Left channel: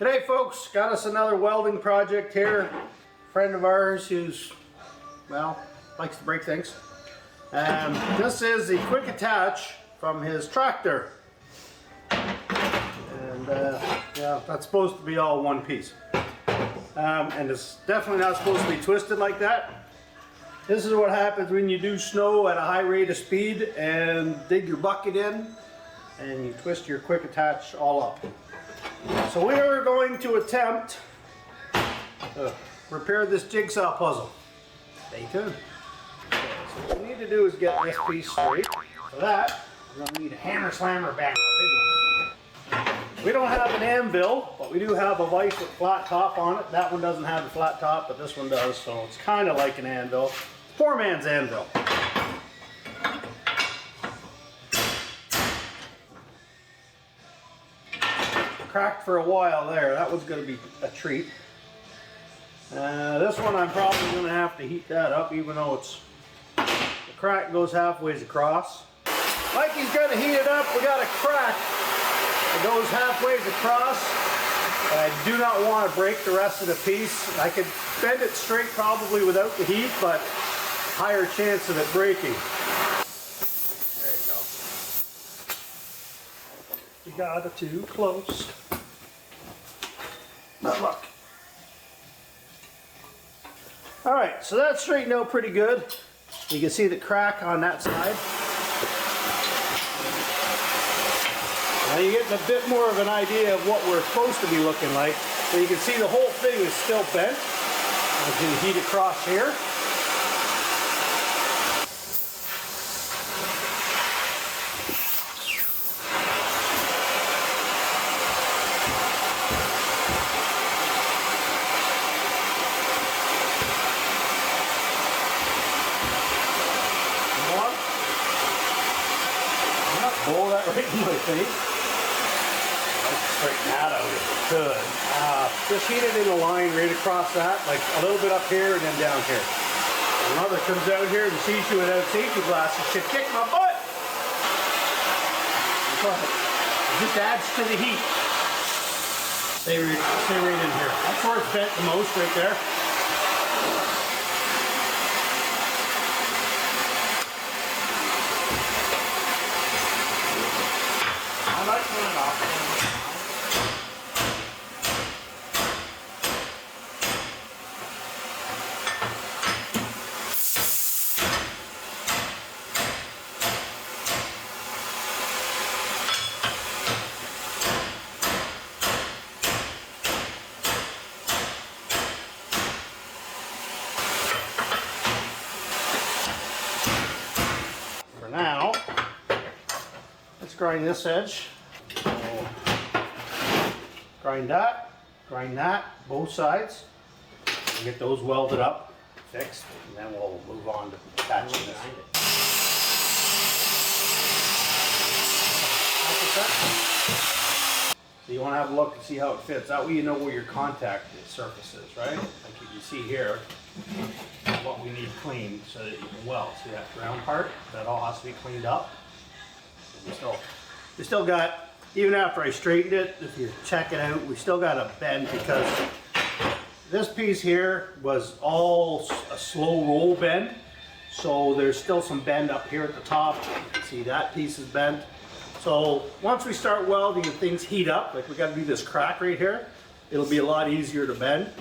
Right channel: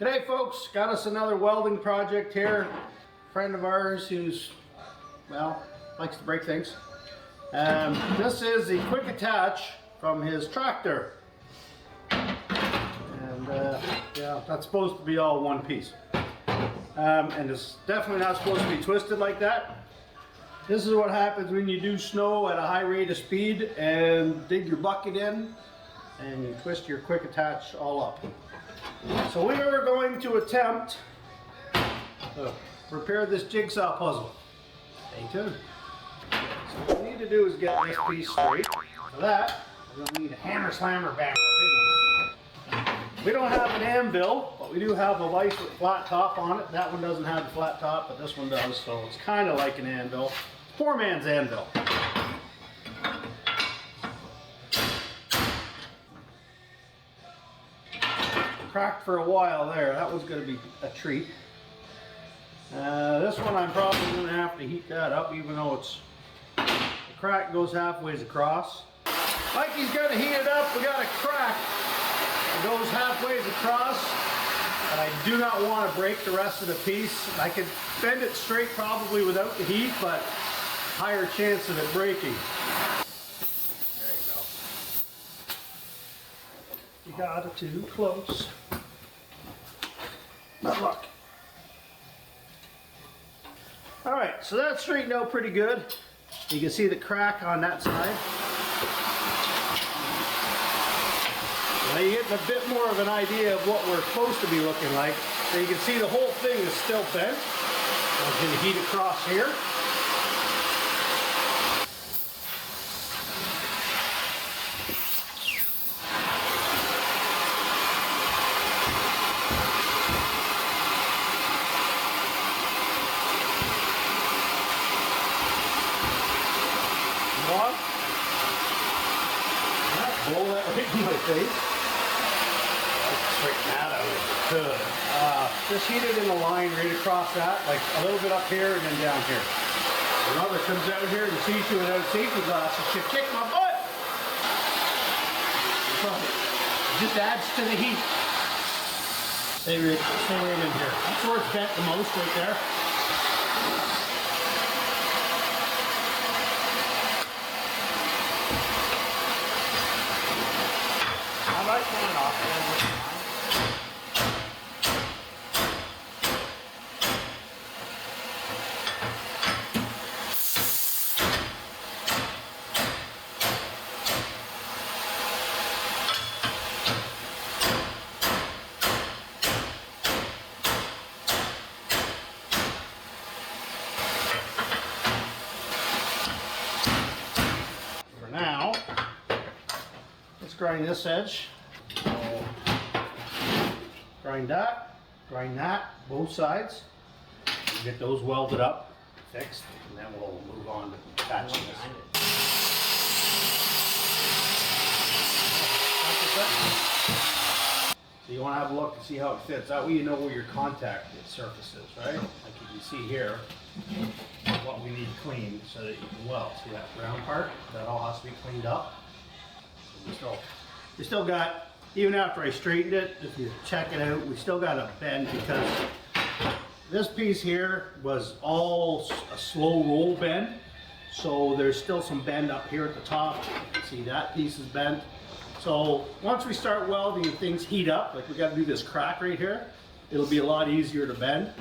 Today folks, got us another welding project here. Friend of ours who's, well, likes to break things. This is the quick attach from his tractor. And yeah, that's supposed to be all one piece. And it's definitely not supposed to be twisted like that. This is what happens when you do snow at a high rate of speed and dig your bucket in and you twist your quick attach all up. So we are going to attempt to repair this jigsaw puzzle. Stay tuned. Okay, so what we need to do is get this piece straight. For that, we're going to need a hammer slammer bang, a big one. We don't have an anvil, but we do have a vise with flat top on it. That one doesn't have a flat top, but this one does, so it's kind of like an anvil. Poor man's anvil. Cracked for a while there. That was going to be a treat. This one I'm probably going to have to heat that up, even though it's the crack goes halfway across. Mikey's going to heat it up. We got a crack that goes halfway across. I do not want to break the rest of the piece. I could bend it straight probably without the heat, but higher chance of it breaking. You got it too close. Not luck. Alright, so that's straightened out pretty good. You can see the crack on that side. Now you're getting a bit more of an idea of what we're supposed to be looking like. So you can see the whole thing is still bent. As we heat across here. Roll that right in my face. Straighten that out. Good. Just heat it in a line right across that, like a little bit up here and then down here. When mother comes out here and sees you without safety glasses, she'll kick my butt. It just adds to the heat. Stay right in here. That's where it's bent the most, right there. Turn it off. For now, let's grind this edge. Grind that, both sides, and get those welded up, fixed, and then we'll move on to attaching this. So you want to have a look and see how it fits. That way you know where your contact surface is, right? Like you can see here, what we need cleaned so that you can weld. See that round part? That all has to be cleaned up. And we still got, even after I straightened it, if you check it out, we still got a bend because this piece here was all a slow roll bend. So there's still some bend up here at the top. You can see that piece is bent. So once we start welding and things heat up, like we got to do this crack right here, it'll be a lot easier to bend.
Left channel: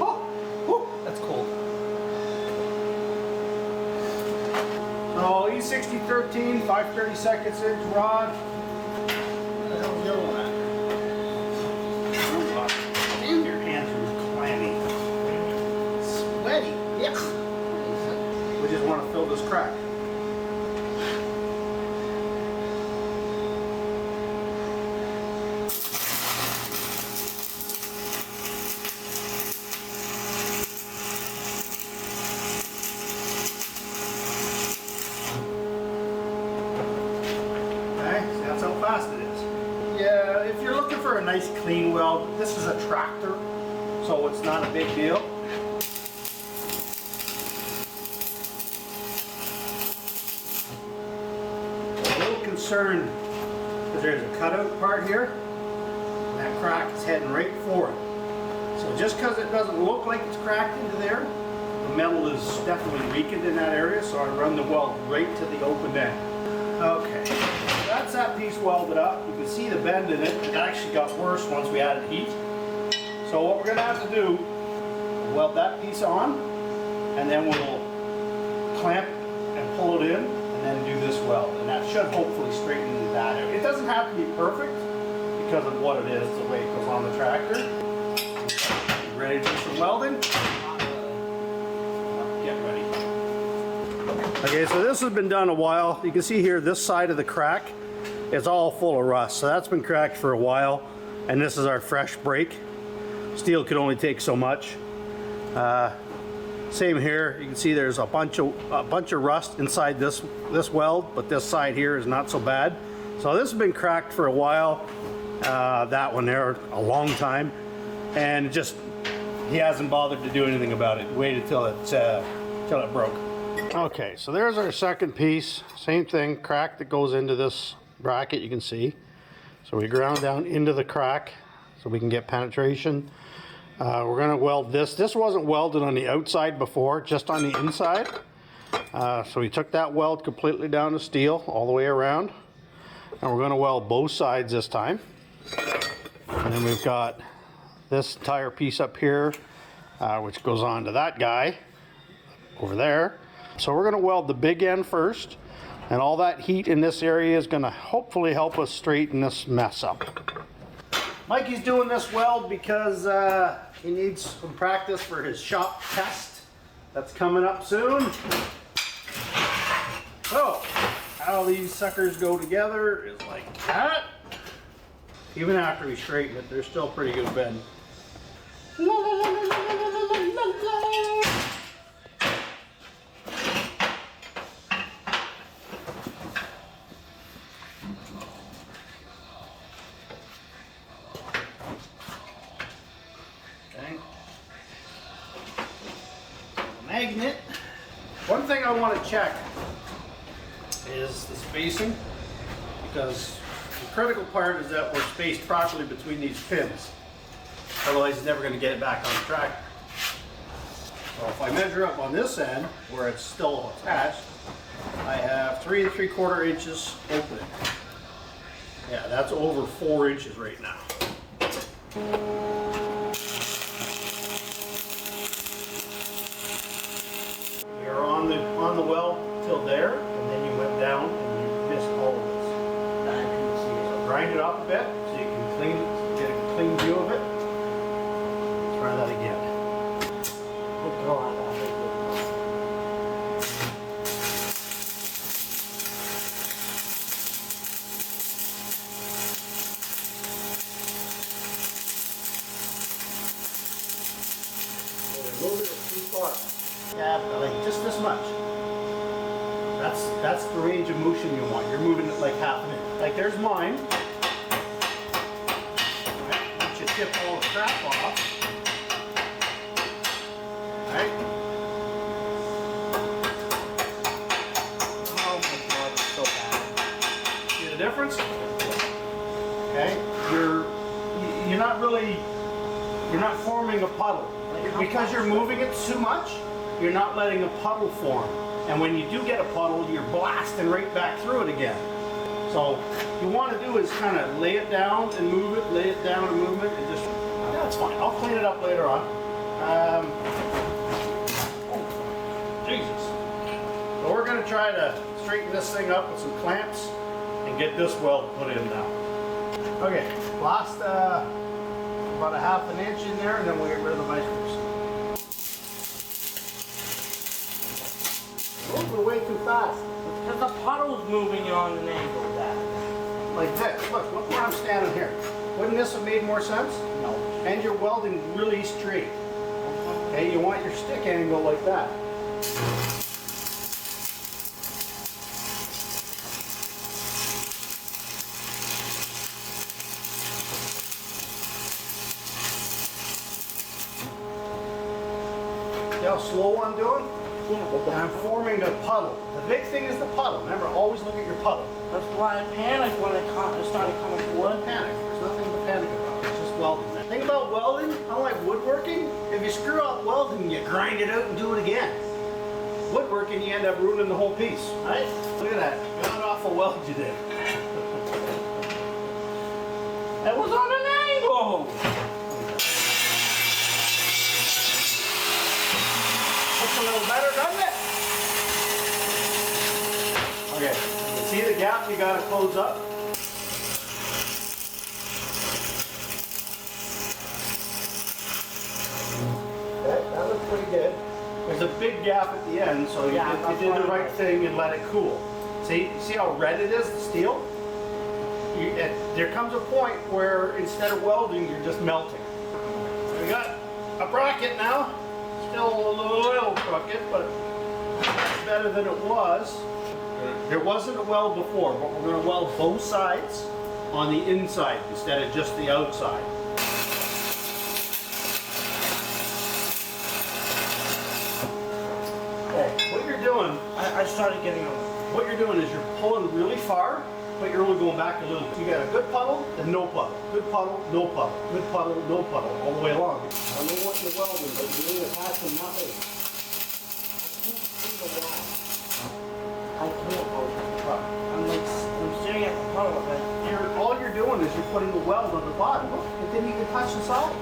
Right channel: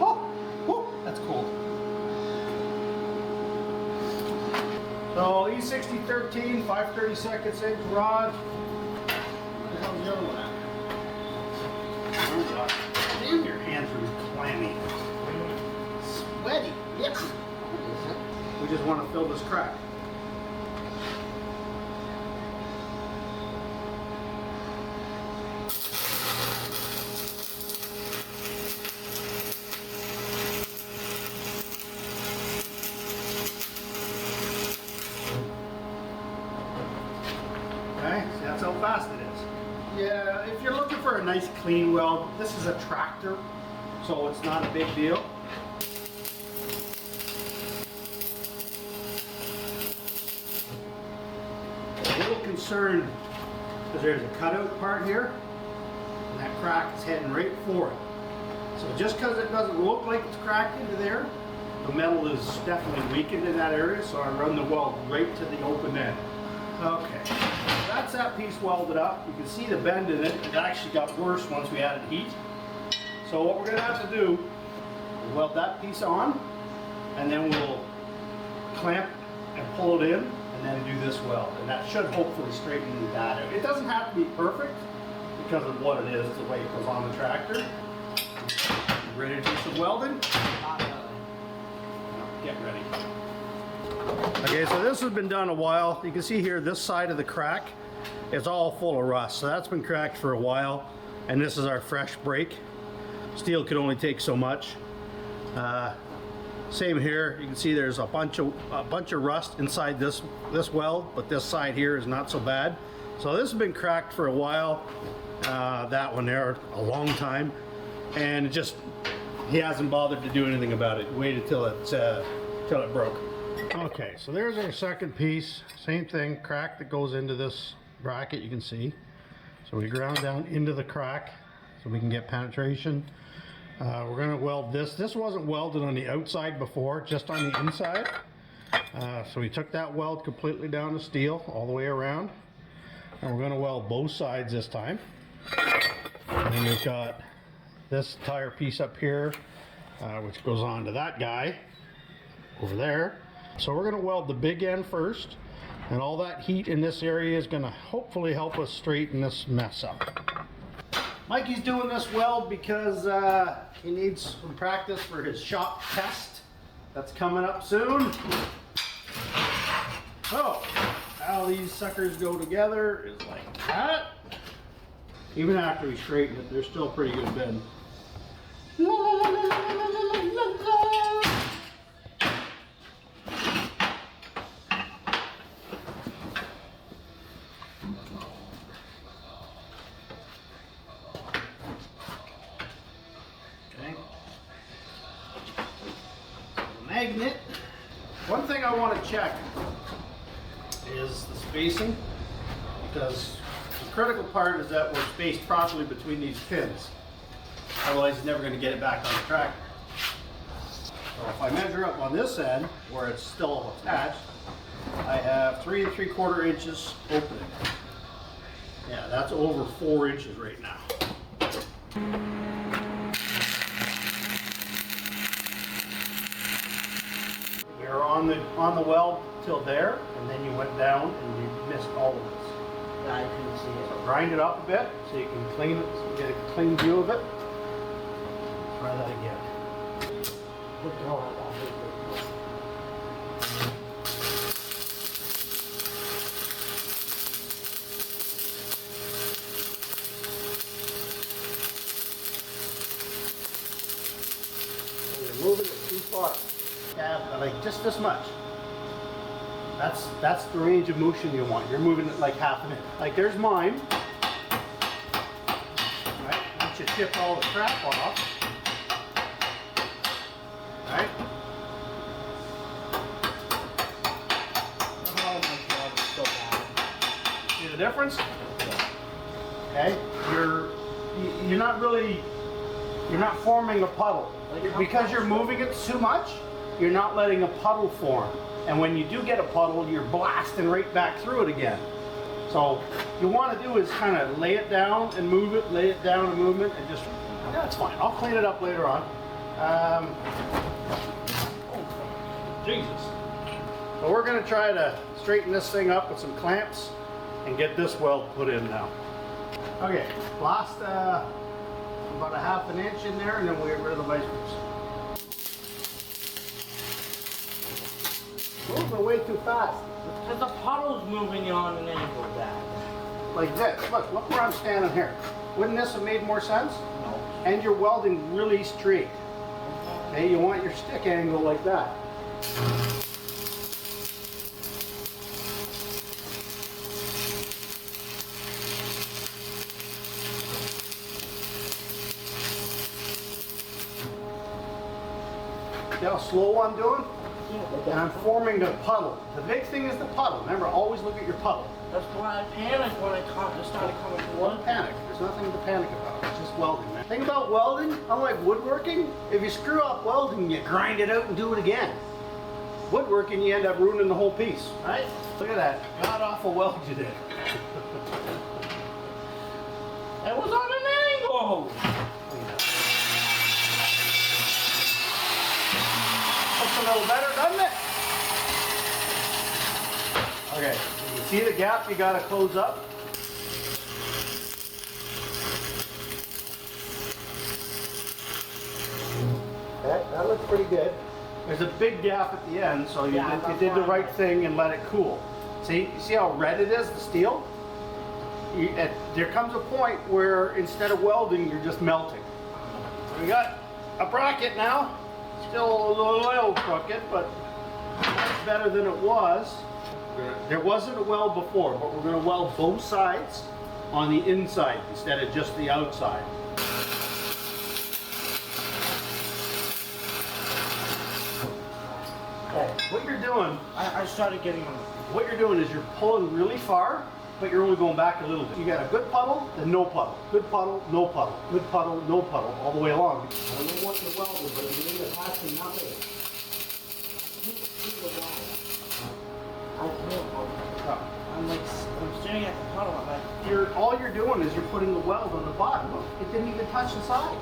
Oh, that's cold. So E6013, 5/32 inch rod. What the hell's yellow at? Damn, your hands are clammy. Sweaty. Yep. We just want to fill this crack. Okay, see that's how fast it is. Yeah, if you're looking for a nice clean weld, this is a tractor, so it's not a big deal. A little concerned because there's a cutout part here. and that crack is heading right for it. So just because it doesn't look like it's cracked into there, the metal is definitely weakened in that area, so I run the weld right to the open end. Okay, that's that piece welded up. You can see the bend in it. It actually got worse once we added heat. So what we're going to have to do, we'll weld that piece on, and then we'll clamp and pull it in, and then do this weld. And that should hopefully straighten that out. It doesn't have to be perfect because of what it is, the way it goes on the tractor. Ready to do some welding? Get ready. Okay, so this has been done a while. You can see here this side of the crack is all full of rust. So that's been cracked for a while, and this is our fresh break. Steel could only take so much. Same here. You can see there's a bunch of rust inside this weld, but this side here is not so bad. So this has been cracked for a while. That one there a long time, and just he hasn't bothered to do anything about it. Waited till it broke. Okay, so there's our second piece. Same thing, crack that goes into this bracket, you can see. So we ground down into the crack so we can get penetration. We're going to weld this. This wasn't welded on the outside before, just on the inside. So we took that weld completely down to steel all the way around. And we're going to weld both sides this time. And then we've got this entire piece up here, which goes on to that guy over there. So we're going to weld the big end first, and all that heat in this area is going to hopefully help us straighten this mess up. Mikey's doing this weld because he needs some practice for his shop test that's coming up soon. So how these suckers go together is like that. Even after we straighten it, they're still pretty good bend. La, la, la, la, la, la, la, la. Okay. The magnet. One thing I want to check is the spacing, because the critical part is that we're spaced properly between these pins. Otherwise, he's never going to get it back on the tractor. So if I measure up on this end, where it's still attached, I have 3 3/4 inches opening. Yeah, that's over 4 inches right now. We are on the weld till there, and then you went down and you missed all of this. I can see it. So grind it up a bit so you can get a clean view of it. Try that again. Move it too far. Yeah, like just this much. That's the range of motion you want. You're moving it like half an inch. Like there's mine. Right? Once you tip all the crap off. Right? Oh my God, it's so bad. See the difference? Okay? You're not forming a puddle. Because you're moving it too much, you're not letting a puddle form. And when you do get a puddle, you're blasting right back through it again. So what you want to do is kind of lay it down and move it, lay it down and move it, and just, that's fine. I'll clean it up later on. Oh, Jesus. So we're going to try to straighten this thing up with some clamps and get this weld put in now. Okay, blast about a 1/2 inch in there, and then we'll get rid of the measurements. Moving way too fast. It's because the puddle's moving on an angle, Dad. Like this. Look where I'm standing here. Wouldn't this have made more sense? No. And you're welding really straight. Okay, you want your stick angle like that. See how slow I'm doing? Yeah, And I'm forming a puddle. The big thing is the puddle. Remember, always look at your puddle. that's why I panicked when I started coming to work. Don't panic. There's nothing to panic about. welding. The thing about welding, unlike woodworking, if you screw up welding, you grind it out and do it again. Woodworking, you end up ruining the whole piece, right? Look at that, god awful weld you did. That was on an angle. Looks a little better, doesn't it? Okay, you can see the gap you gotta close up. That looks pretty good. There's a big gap at the end, so you did the right thing and let it cool. See how red it is, the steel? There comes a point where instead of welding, you're just melting. So we got a bracket now. Still a little oil crooked, but much better than it was. There wasn't a weld before, but we're going to weld both sides on the inside instead of just the outside. Okay, what you're doing, I started getting on the... what you're doing is you're pulling really far, but you're only going back a little bit. You got a good puddle, then no puddle. Good puddle, no puddle. Good puddle, no puddle, all the way along. I don't know what you're welding, but you need to pass to nothing. I can't see the wall. I can't. I'm staring at the puddle, but... All you're doing is you're putting the weld on the bottom. Look, it didn't even touch the solid.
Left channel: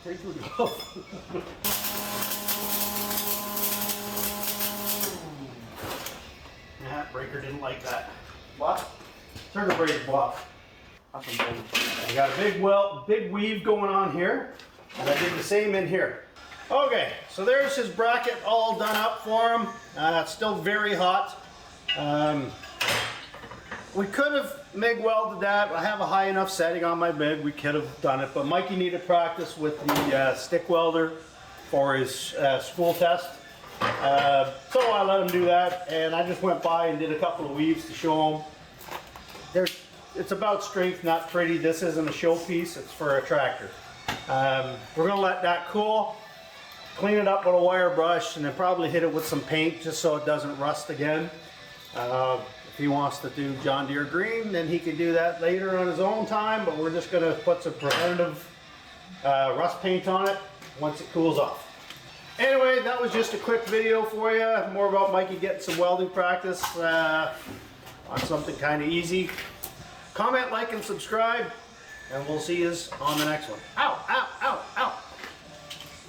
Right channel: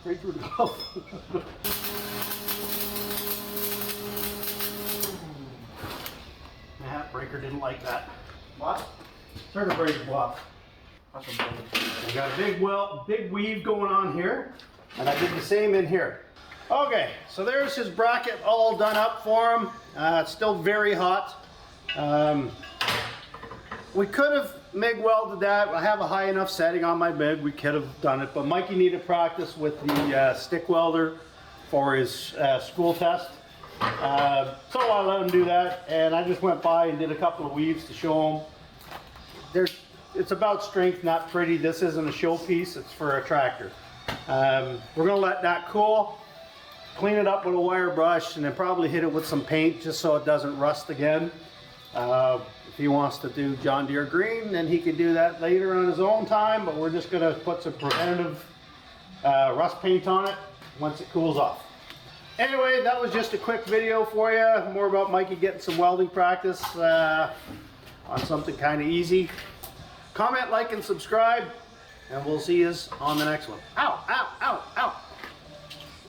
Straight through the glove. Yeah, breaker didn't like that. What? Circuit breaker off. That's amazing. I got a big weave going on here, and I did the same in here. Okay, so there's his bracket all done up for him. It's still very hot. We could have MIG welded that. I have a high enough setting on my MIG. We could have done it, but Mikey needed practice with the stick welder for his school test. So I let him do that, and I just went by and did a couple of weaves to show him. It's about strength, not pretty. This isn't a showpiece, it's for a tractor. We're gonna let that cool, clean it up with a wire brush, and then probably hit it with some paint just so it doesn't rust again. If he wants to do John Deere green, then he can do that later on his own time, but we're just gonna put some preventative rust paint on it once it cools off. Anyway, that was just a quick video for you, more about Mikey getting some welding practice on something kind of easy. Comment, like, and subscribe, and we'll see you on the next one. Ow, ow.